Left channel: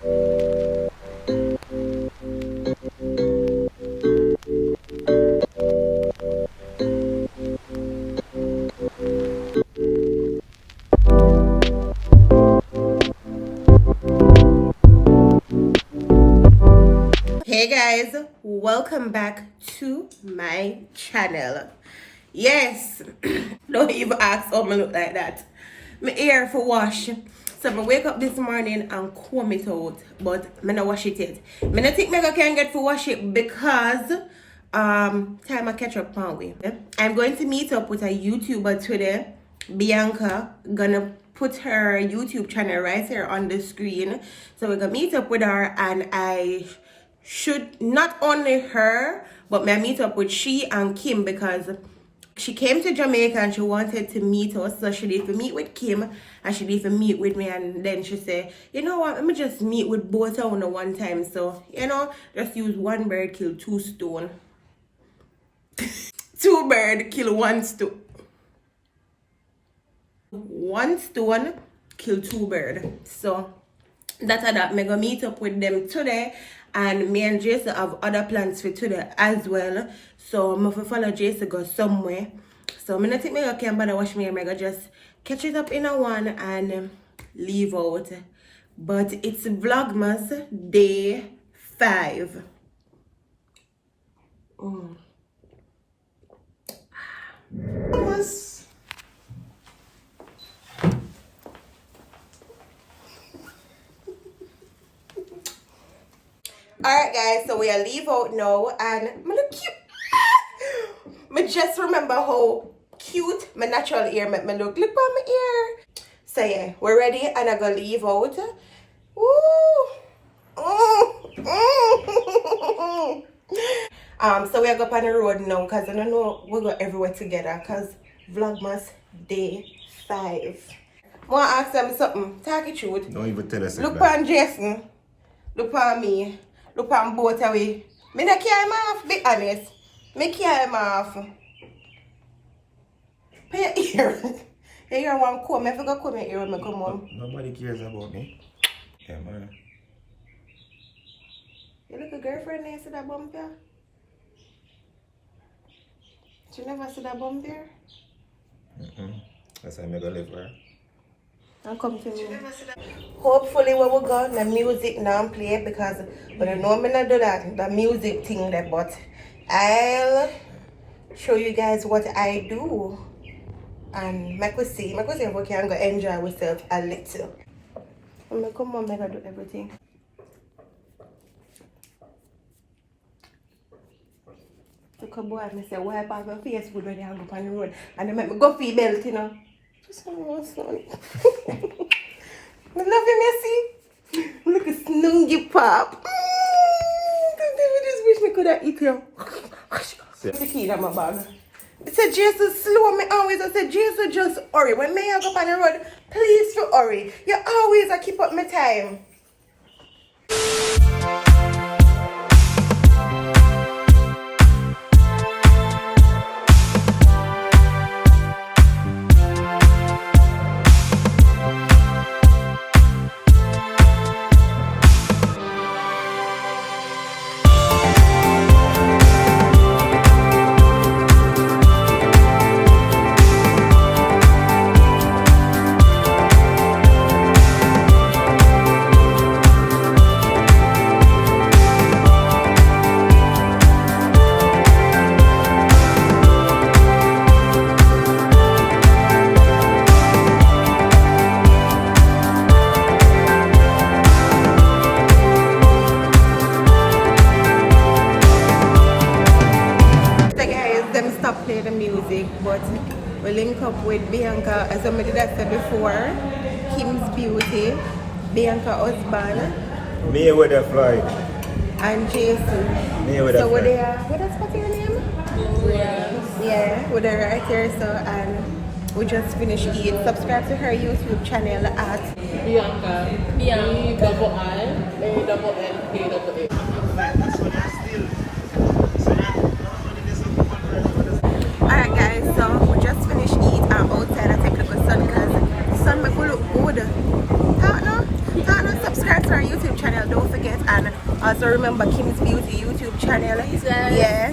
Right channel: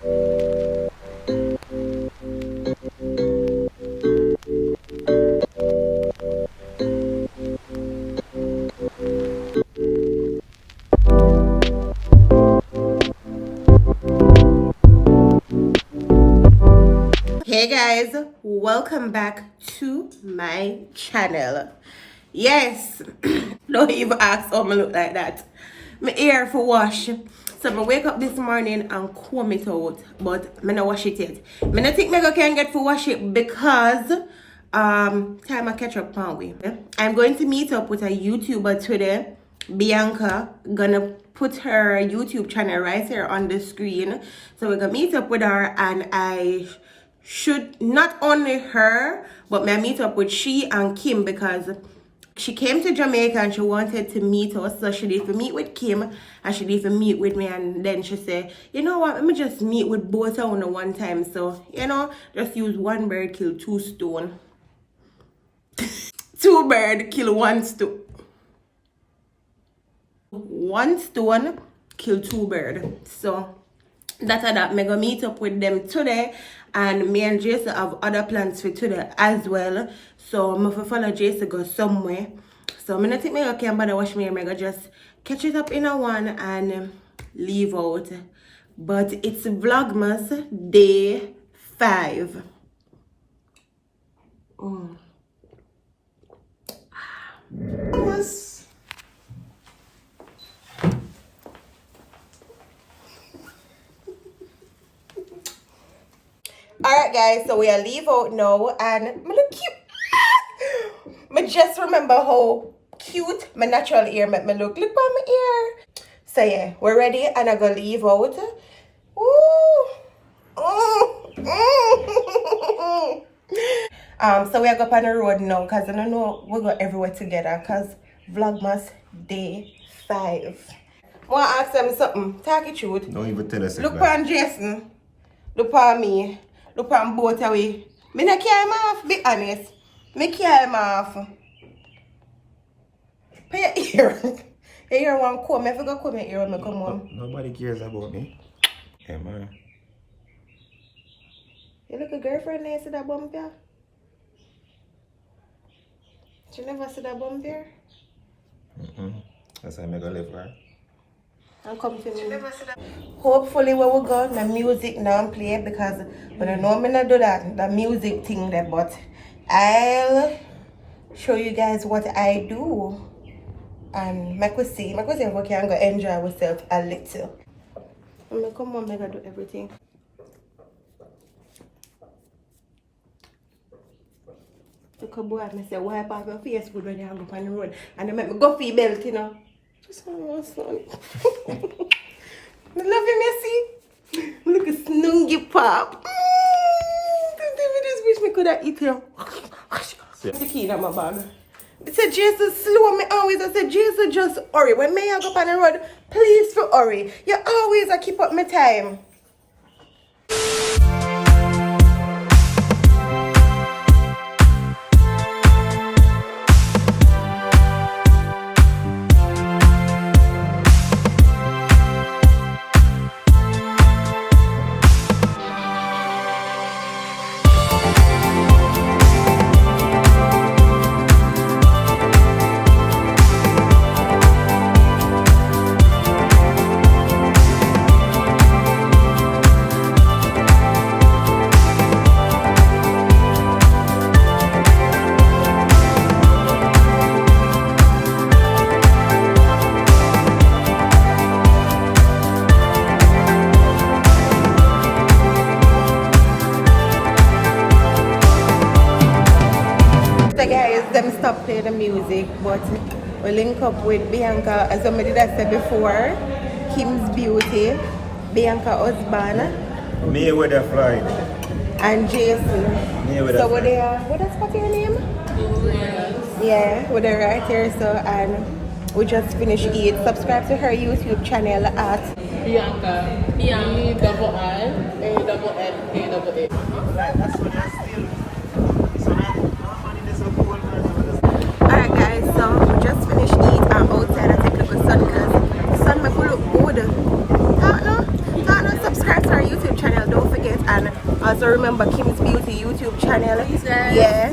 Hey guys, welcome back to my channel. Yes, don't even ask how I look like that. My hair for wash. So I wake up this morning and comb it out, but I don't wash it yet. I don't think I can get to wash it because time I catch up on way. I'm going to meet up with a YouTuber today, Bianca. Gonna put her YouTube channel right here on the screen. So we're gonna meet up with her, and I should not only her, but may meet up with she and Kim because she came to Jamaica and she wanted to meet us. So she need to meet with Kim and she need to meet with me, and then she said, you know what, let me just meet with both of them one time. So, you know, just use one bird, kill two stone. Two bird, kill one stone. One stone, kill two bird. So that's that. I'm gonna meet up with them today. And me and Jason have other plans for today as well. So I'm going to follow Jason go somewhere. So I'm going to take my okay and wash my hair. I'm going to just catch it up in a one and leave out. But it's Vlogmas day 5. Alright guys, so we are leave out now and I look cute. I just remember how cute my natural hair make me look. Look at my ear. So yeah, we're ready and I'm gonna leave out. So we are going on the road now because I don't know we'll go everywhere together because Vlogmas day 5. I want to ask them something. Talk it truth. Don't even tell us. Look on Jason. Look on me. Look on both away. Me not care him off, be honest. Me care him off. Pay your ear. Your ear want comb. I forgot comb your ear when I come home. Nobody cares about me. Yeah, man. You look a girlfriend there, see that bump there? You never see that bump there? That's how I'm gonna live, right? And come to me. Hopefully when we go, the music now play because when I know I'm not do that, the music thing there, but I'll show you guys what I do and make we see if we can go enjoy ourselves a little. I'm gonna come on, I'm gonna do everything. Look a boy, I say, wipe off your face good when you hang up on the road and they make me go for your belt, you know. Just one son. I love you, Messi. Look at Snoogie Pop. I just wish me could have eaten him. The key in my bag. It said, Jesus, slow me always. I said, Jesus, just hurry. When me I go up on the road, please to hurry. You always keep up my time. Play the music, but we link up with Bianca, as I did said before, Kim's Beauty, Bianca husband, Mayweather Friday, and Jason. Mayweather. So what is your name? Yeah, we're there right here. So and we just finished eating. Subscribe to her YouTube channel at Bianca. B-I-I-A-N-A-A-A. Alright guys, so we just finished eating. I'm outside. I take a look at the sun because the sun make me look good. How no? Turn on subscribe to our YouTube channel, don't forget, and also remember Kim's Beauty YouTube channel. Please, guys. Yeah.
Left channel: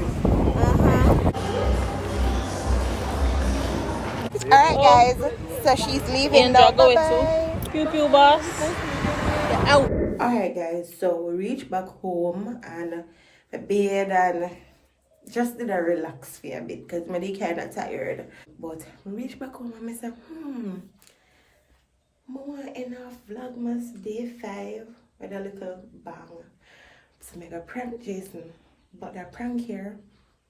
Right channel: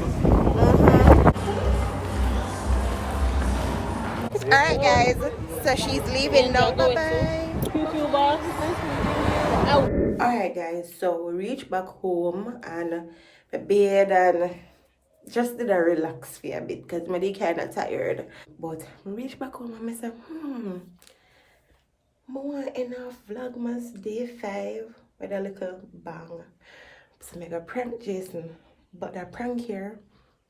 Alright guys, so she's leaving now. Bye bye. Pew pew boss. Alright guys, so we reached back home and the bed and just did a relax for a bit because I'm kind of tired. But we reached back home and I said, more enough Vlogmas day 5 with a little bang. So I go prank Jason, but the prank here,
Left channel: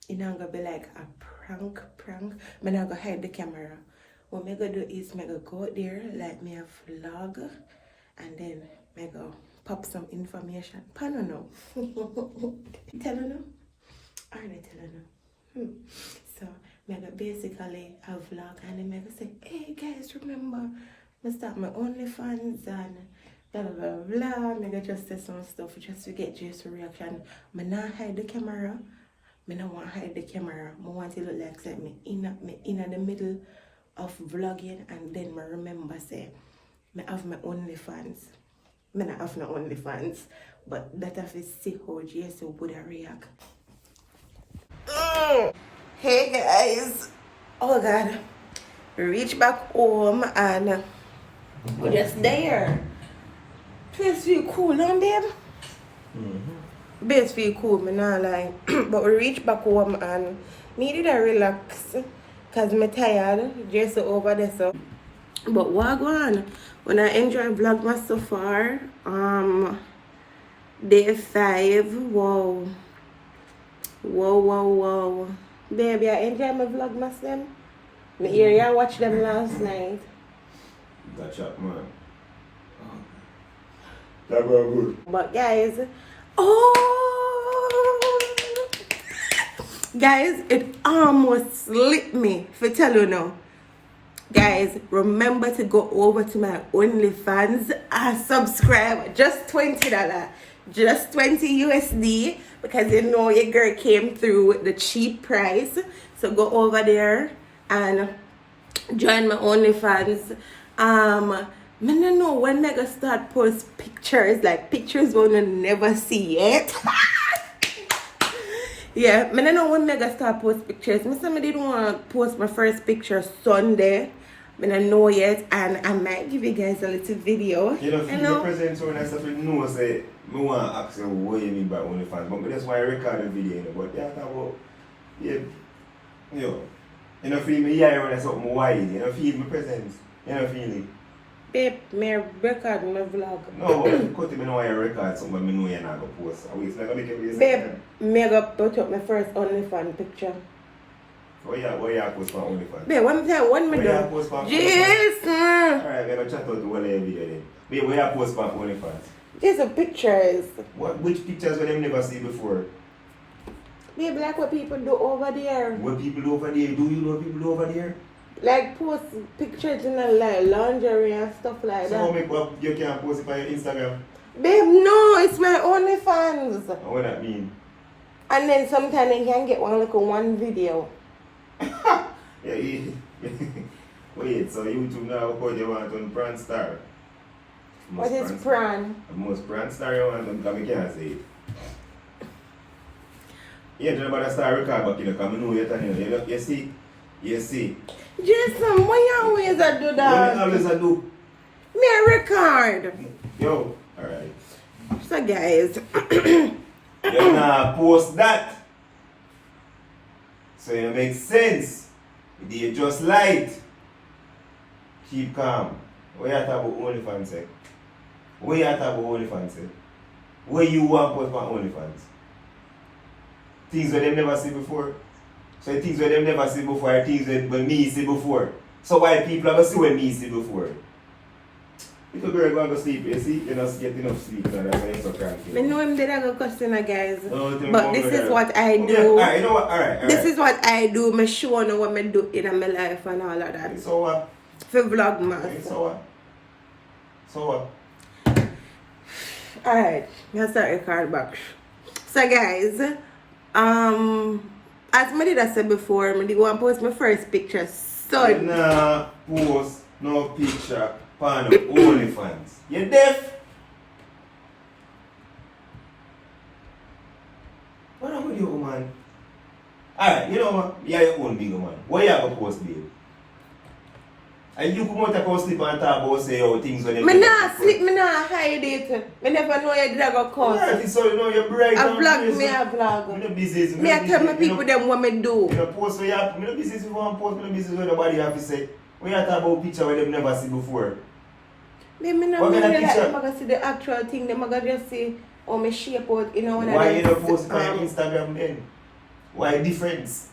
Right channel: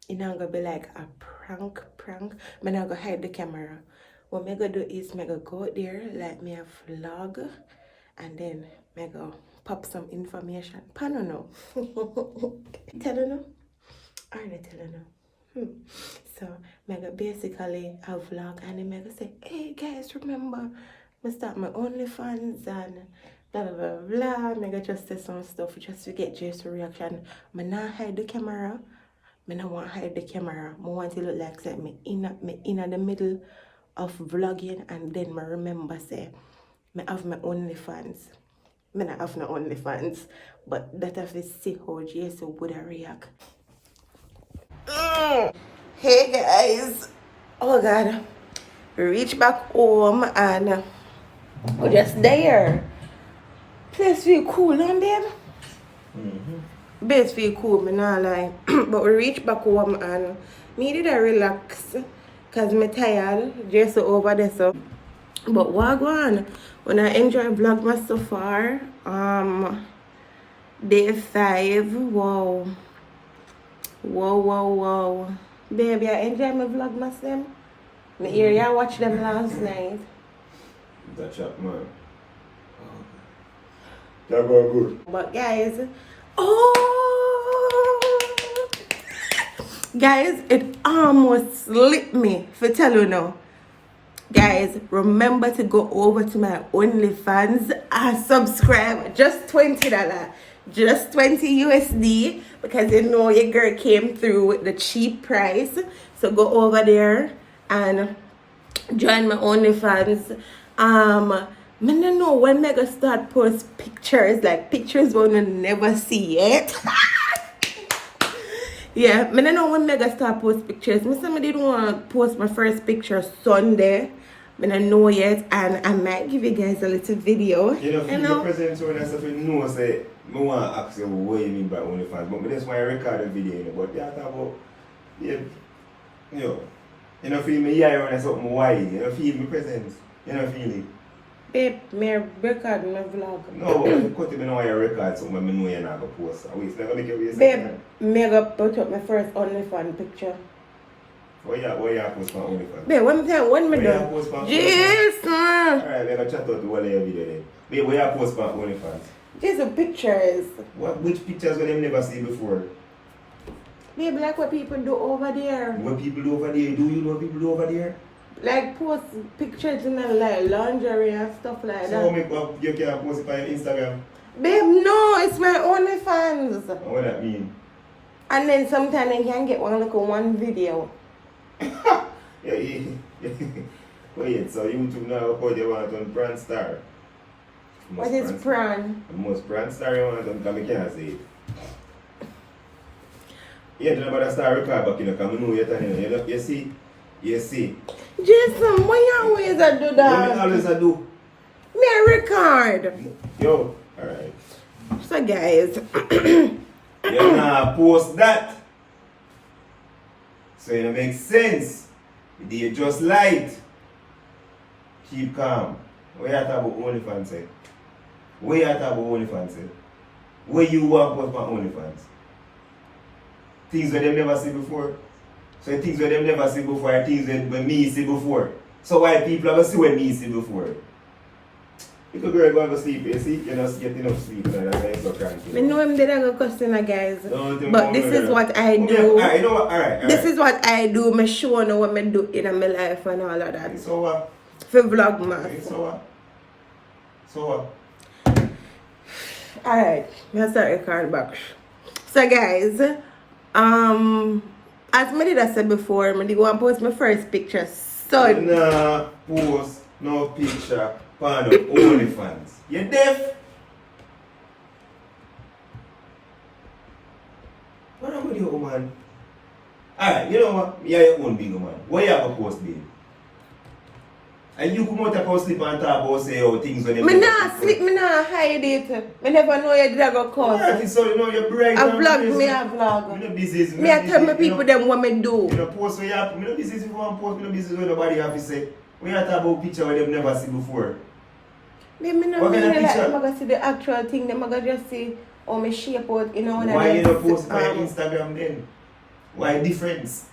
it's not gonna be like a prank. I'm not gonna hide the camera. What I'm gonna do is I'm gonna go out there, like me a vlog, and then I'm gonna pop some information. I don't know. Tell you no? Or not tell you no? So I'm gonna basically a vlog and then I'm gonna say, hey guys, remember, I start my Onlyfans and blah blah blah blah. I'm gonna just say some stuff just to get Jason's reaction. I'm not hide the camera. I don't want to hide the camera. I want to look like say me in the middle of vlogging, and then I remember say I have my OnlyFans. I don't have no OnlyFans, but that have to see how Jason would react. Hey guys, oh god, we reached back home and we're just there. Place feel cool, huh, babe? Base feel cool, me not lie. But we reached back home and me did a relax because me tired, just over there so. But what go on? When I enjoy Vlogmas so far, day 5, wow. Baby, I enjoy my Vlogmas them. Me hear you watch them last night. That's up, man. That was good. But guys, guys, it almost slipped me for tell you now. Guys, remember to go over to my OnlyFans and subscribe. Just $20. Just 20 USD because you know your girl came through with the cheap price. So go over there and join my OnlyFans. I don't know when I gonna start post pictures, like pictures we will never see yet. Yeah, I don't know when I gonna start post pictures. Somebody didn't want to post my first picture Sunday. I don't know yet, and I might give you guys a little video. You know, the present when I stuff you know say I want to ask you what you mean by OnlyFans, but that's why I record the video. But yeah, about you know, feel me here when I something wide. You know, feel my presence. You know, feel it. Babe, may I record my vlog? No, but cut me know why I record something when I know you're not going to post. I wait, like I make you babe, may I go put up my first OnlyFans picture? Why you post for OnlyFans? Babe, when I do? Jason! Alright, we're going to chat out to one of your video then. Babe, where you post for OnlyFans? Jason, pictures. Which pictures will them never see before? Babe, like what people do over there. What people do over there? Do you know what people do over there? Like post pictures in like lingerie and stuff like So that. make up, you can post it on your Instagram? Babe, no, it's my OnlyFans. What that mean? And then sometimes you can get one video. Wait, so YouTube now, how you want to turn Pran Star? What is Pran? The most Pran Star you want to turn, because I can't say it. Yeah, you know about the star record, but you know, because I know you're telling you, you see? You see? Jason, why you always do that? What you always do? Me a record. Yo, alright. So guys, You're gonna post that. So it makes sense. You just light. Keep calm. What you talk about OnlyFans say? What you talk about OnlyFans say? What you want to post for OnlyFans? Things that they never see before. So things that they never see before are things that when me see before. So why people ever see when me see before? If a girl go to sleep, you see, you're not getting enough sleep, and that's why you're so cranky. I know I'm dead a customer, guys. No, but this is what I do. Alright, you know what? Alright. This is what I do. Me show you what I do in my life and all of that. So what? For Vlogmas. So what? So what? Alright, let's start record back. So guys, as I did said before, I did want to post my first picture. So nah, post no picture on OnlyFans. You deaf? What am with you, woman? Alright, you know what? You're your own big man. What you have to post, babe? And you come out of sleep and talk about say how things when you Me not sleep, me not hide it. Me never know you drag a course. Alright, so you know you're bright. I vlog, me a vlog. Me no business. Me I tell my people them what me do. You know, post where you have, me no business if you want to post, me no business where nobody have to say. When you talk about picture where them never see before. Babe, me not What kind of really like picture? them gonna see the actual thing. Them gonna just see how me shape out, you know, when Why I you not post on Instagram then? Why difference?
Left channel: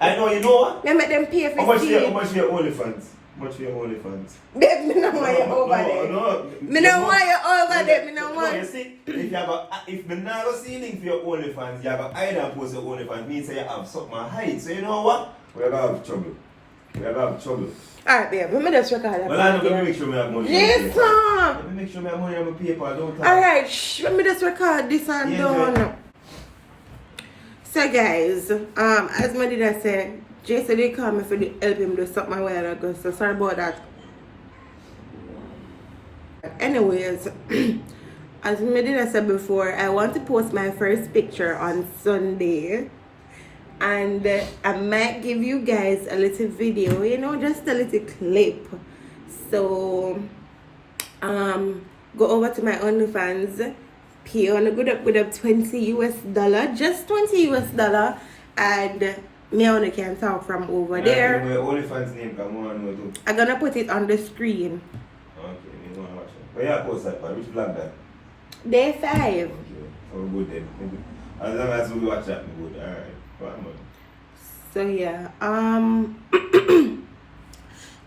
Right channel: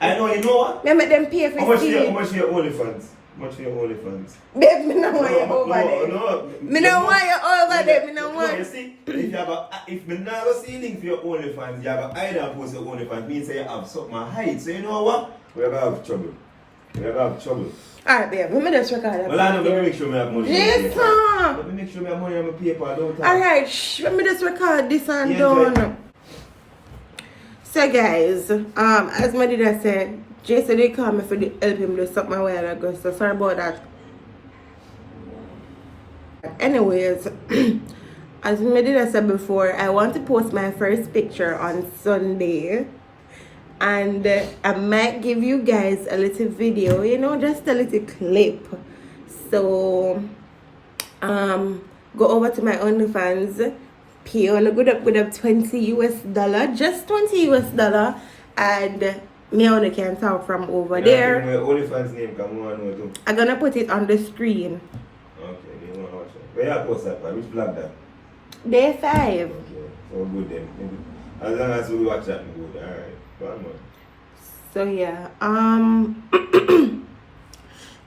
I know, you know what? me make them pay for How much see. how much for your OnlyFans? How much for your OnlyFans? Babe, me no want you over there. No, Me no want you over there. Me no You want. see, if me not go see anything for your OnlyFans, you have to hide and post your OnlyFans. Means say you have something to hide. So you know what? We're gonna have trouble. We're gonna have trouble. Alright, babe, let me just record that. Well, I know, let me make sure I have money. Yes, sir. Let me make sure I have money on my paper. Don't talk. Alright, let me just record this and Yeah, done. So guys, as my dad said, Jason they called me for the help him do something a while ago, so sorry about that. Anyways, as my dad said before, I want to post my first picture on Sunday. And I might give you guys a little video, you know, just a little clip. So go over to my OnlyFans, pay on a good up $20 just $20, and me only can talk from over there. Where OnlyFans name come on know too. I'm gonna put it on the screen. Okay, you want to watch it. Where you post that part? Which vlog that? Day 5. Okay, so good then. Maybe. As long as we watch that, we good. Alright. So yeah,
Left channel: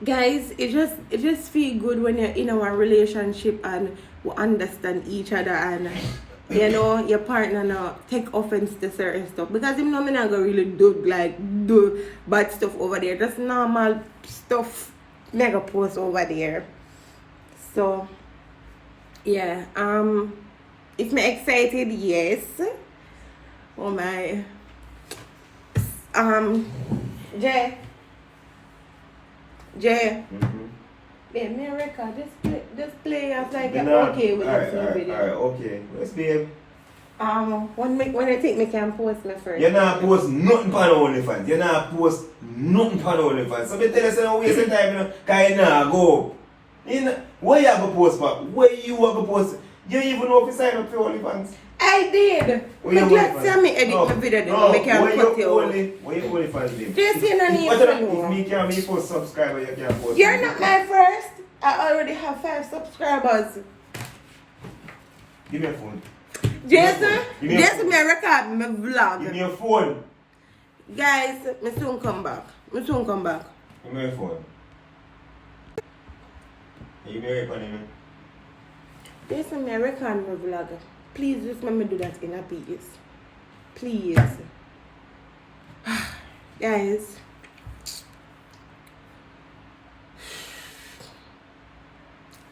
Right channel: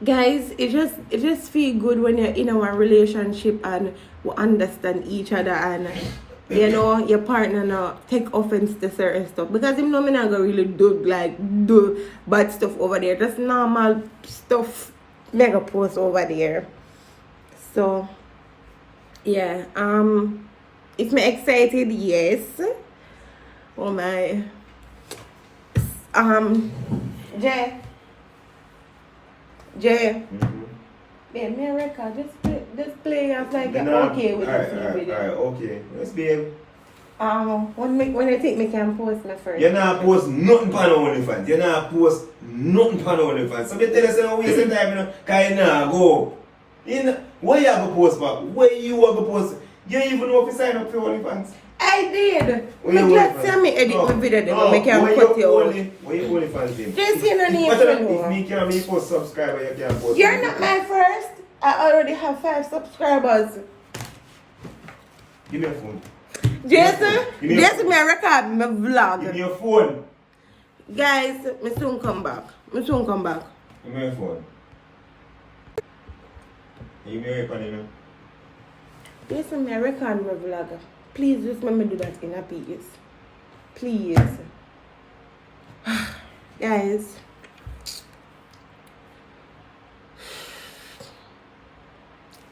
guys, it just feel good when you're in our relationship and we understand each other, and you know your partner not take offense to certain stuff, because him know me not gonna really do bad stuff over there, just normal stuff mega post over there. So yeah, if me excited, yes. Oh my. Jay. Yeah, me record. Just play off like you're okay with this video. Alright, okay. Let's be. When you think me can post my first. You're not post nothing on OnlyFans. You're not post nothing on OnlyFans. So me tell you, say no waste of time, you know, cause you nah go. Where you have a post for? Where you have a post? You don't even know if you sign up for OnlyFans. I did. Let's see me edit my video then I can cut you out. Where you OnlyFans name? Just in a name. If me can be post subscriber, you can post. You're not my first. I already have 5 subscribers. Give me a phone. Jason, me record my vlog. Give me a phone. Guys, me soon come back. Give me a phone. Give me a record, you know. Jason, me record my vlog. Please just let me do that in a piece. Please. Guys.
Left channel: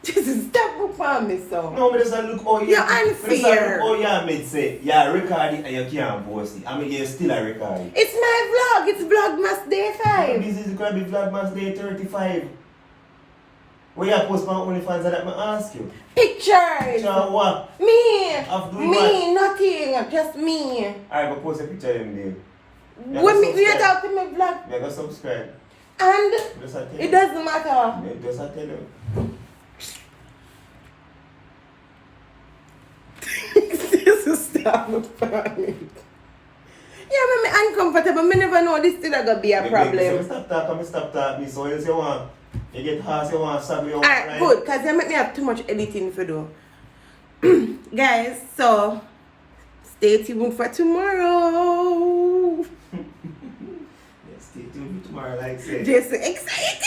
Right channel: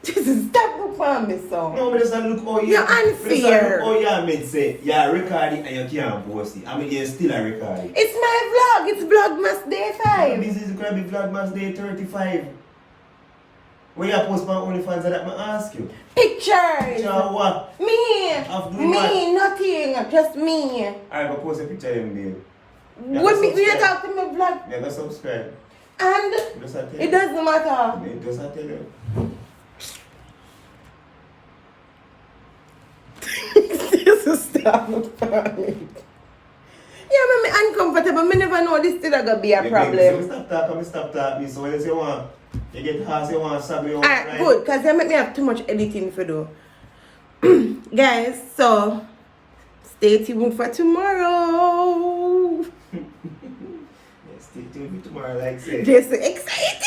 Just stop for me, so. No, but just look how you. You're unfair. Look how you say you're recording and you can't post it. I mean, you're still a recording. It's my vlog. It's Vlogmas Day 5. This is going to be Vlogmas Day 35. Where you post my OnlyFans that I ask you? Pictures. Picture of what? Me. Of doing Me, what? nothing. Just me. Alright, go post a picture of them there. When me talk to my vlog. Yeah, go subscribe. And Just I tell it you. doesn't matter. It does I tell you. Stop funny. Yeah, but me uncomfortable. Me never know this still gonna be a problem. Stop talking. So else you want. You get harsh, you want stab you. Alright, good, because they make me have too much editing to do. Guys, so stay tuned for tomorrow. Stay tuned for tomorrow, like I said. Just excited.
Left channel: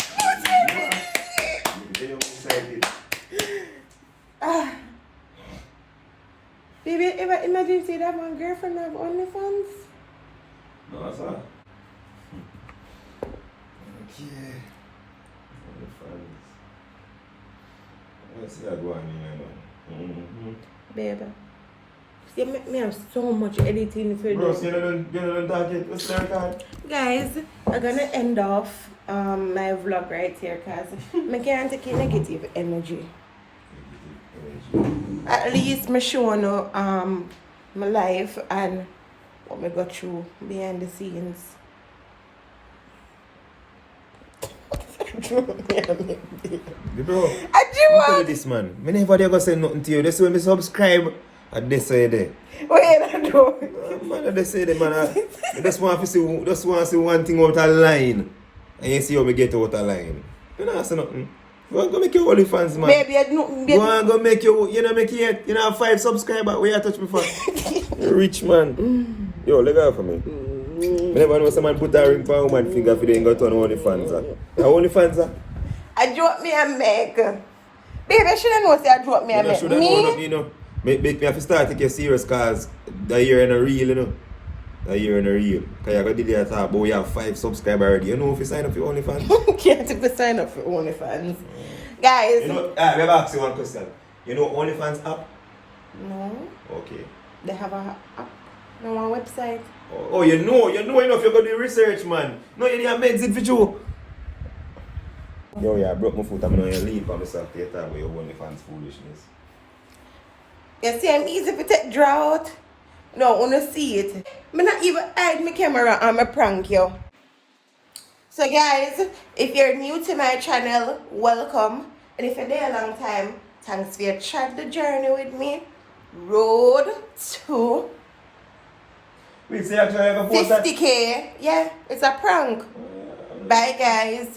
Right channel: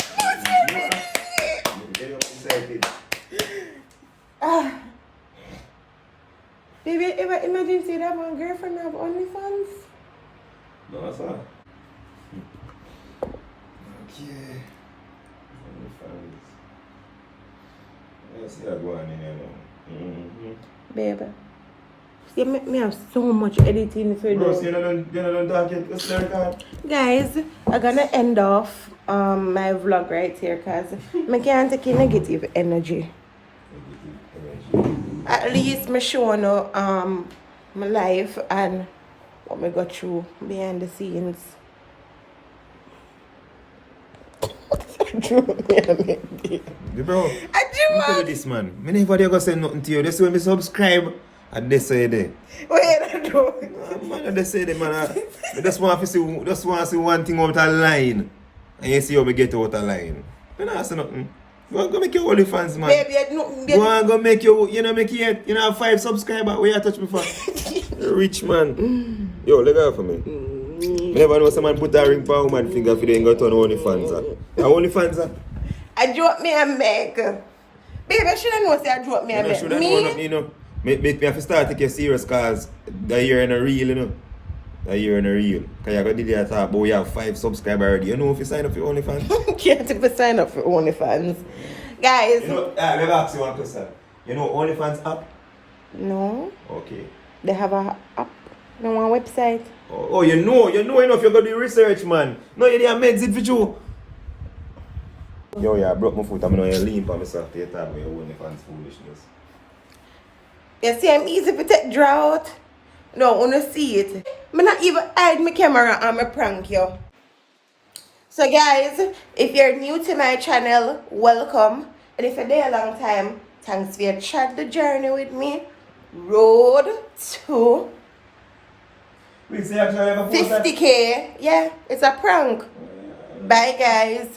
Very excited. Baby, ever imagine see that my girlfriend have OnlyFans? No, that's all. Okay. OnlyFans. Let's see that going in here now. Baby. You make me have so much editing for Bro, you. so you're not done talking. What's the record? Guys, I'm gonna end off my vlog right here because I can't take negative energy. At least me showing my life and what me go through behind the scenes. Bro, I I'm tell you this, man. Me never dare go say nothing to you. That's when me subscribe. And they say there. What you doing? Man, they say that, man. I just want to see one thing out of line. And you see how me get out of line. You know, say nothing. Go and go make your OnlyFans, man. Baby, Go and go make your, you know, make it, you know, have 5 subscribers. Where you touch me for? Rich man. Yo, let go for me. I never know someone put a ring for a woman finger if they ain't got on OnlyFans. OnlyFans, I drop me a make. Baby, I should have known say I drop me a make. should have known, you know. Make me have to start take you serious cause that year in a reel, you know. That year in a reel. Cause you got to talk about we have 5 subscribers already. You know if you sign up for OnlyFans? Can't even sign up for OnlyFans. Guys. You know, let me ask you one question. You know OnlyFans app? No. Okay. They have a app. No one website. Oh, you know enough. You're going to do research, man. No, you didn't make it for you. Yo, yeah, I broke my foot. I'm going to lean for myself to talk about your OnlyFans foolishness. You see, I'm easy to take drought. No, I want to see it. I'm not even hide my camera and I prank you. So guys, if you're new to my channel, welcome. And if you're there a long time, thanks for your track the journey with me. Road to 50K. Yeah, it's a prank. Bye guys.